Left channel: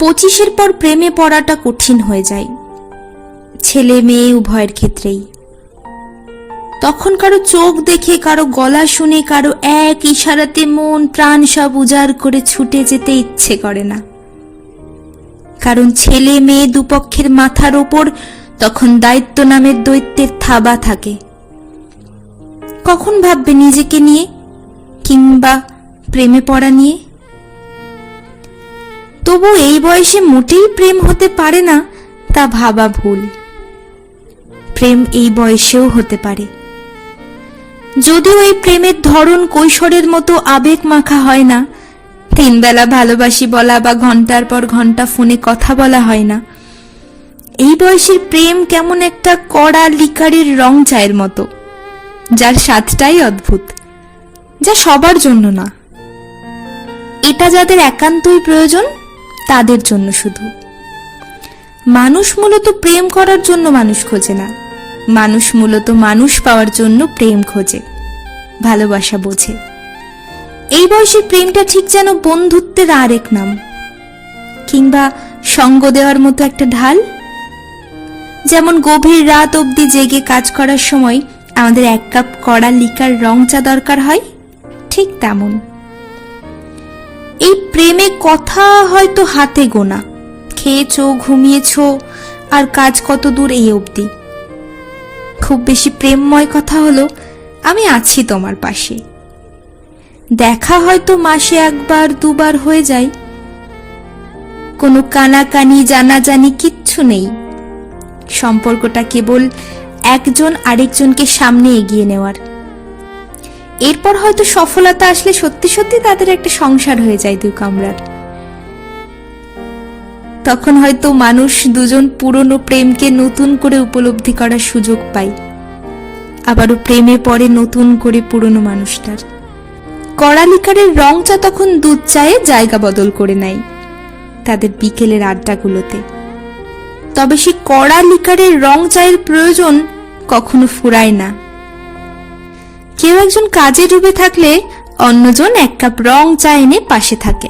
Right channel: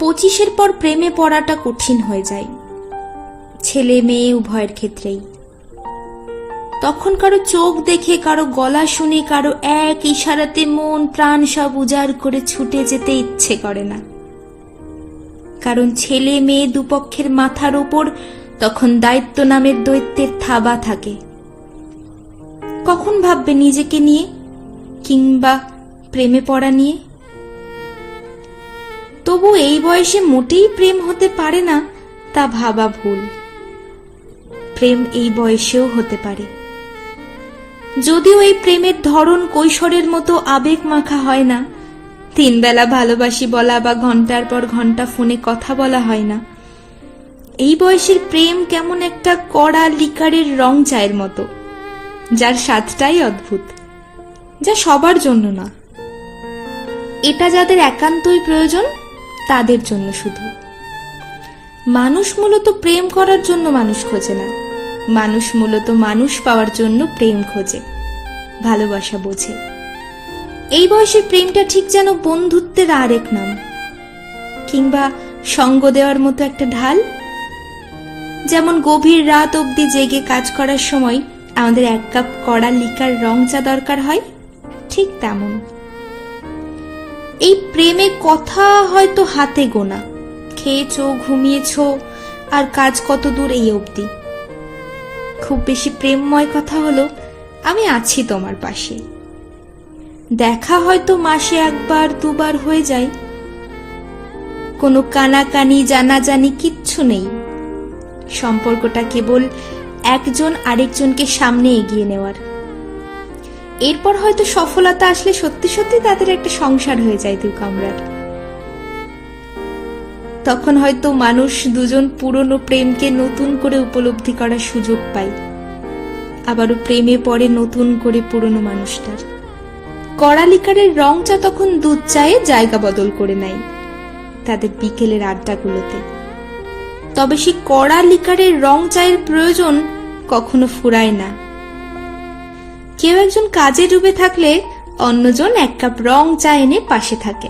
25-এর পর প্রেমে পড়াটা কঠিন হয়ে যায়, ছেলে মেয়ে উভয়ের ক্ষেত্রেই। তখন কারো চোখ দেখে, কারো গলা শুনে, কারো এক ইশারাতে মন প্রাণ সব উজাড় করে ছুটে যেতে ইচ্ছে করে না। কারণ ছেলে মেয়ে দুপক্ষের মাথার ওপর তখন দায়িত্ব নামের দৈত্যের থাবা থাকে। কখন ভাববে নিজেকে নিয়ে কিংবা প্রেমে পড়া নিয়ে? তবু এই বয়সে মোটেই প্রেম হতে পারে না তা ভাবা ভুল। প্রেম এই বয়সেও হতে পারে, যদিও এই প্রেমের ধরন কৈশোরের মতো আবেগ মাখা হয় না। 3 বেলা ভালোবাসি বলা বা ঘন্টার পর ঘন্টা ফোনে কথা বলা হয় না। এই বয়সের প্রেম কেমন একটা কড়া লিকারের রং চায়ের মতো, যার স্বাদটাই অদ্ভুত, যা সবার জন্য না। এটা যাদের একান্তই প্রয়োজন তাদের জন্য শুধু। মানুষ মূলত প্রেম করার জন্য মানুষ খোঁজে না, মানুষ মূলত মানুষ পাওয়ার জন্য প্রেম খোঁজে, ভালোবাসা বোঝে। এই বয়সের প্রেমটা ঠিক যেন বন্ধুত্বের আরেক নাম, কিংবা সঙ্গ দেওয়ার মতো একটা ঢাল। যেমন গভীর রাত অবধি জেগে কাজ করার সময় আমাদের 1 কাপ কড়া লিকার রং চা দরকার হয়, ঠিক তেমন এই প্রেমে কথা হয়তো হাতে গোনা। খেয়েছো, ঘুমিয়েছো, আর কাজ কত দূর এই অবধি। খুব বেশি প্রেমময় কথা হলো আমি আছি তোমার পাশে। দেখা হয়তো মাসে 1বার 2বার হয়ে যায়। কোনো কানাকানি জানাজানি কিচ্ছু নেই। সম্পর্কটা কেবল একজন আরেকজনকে সামনে এগিয়ে নেওয়ার। এরপর হয়তো সফলতা আসলে সত্যি সত্যি তাদের একটা সংসার হয়ে যায় 2 কামরার। তখন হয়তো মানুষ দুজন পুরনো প্রেমকে নতুন করে উপলব্ধি করার সুযোগ পায়, আবারও প্রেমে পড়ে নতুন করে পুরনো মানুষটার। কড়া লিকারের রং চা তখন দুধ চায়ে জায়গা বদল করে নেয় তাদের বিকেলের আড্ডাগুলোতে। তবে সেই কড়া লিকারের রং চায়ের প্রয়োজন কখনো ফুরায় না। কেউ একজন কাজে ডুবে থাকলে অন্যজন 1 কাপ রং চা এনে পাশে থাকে।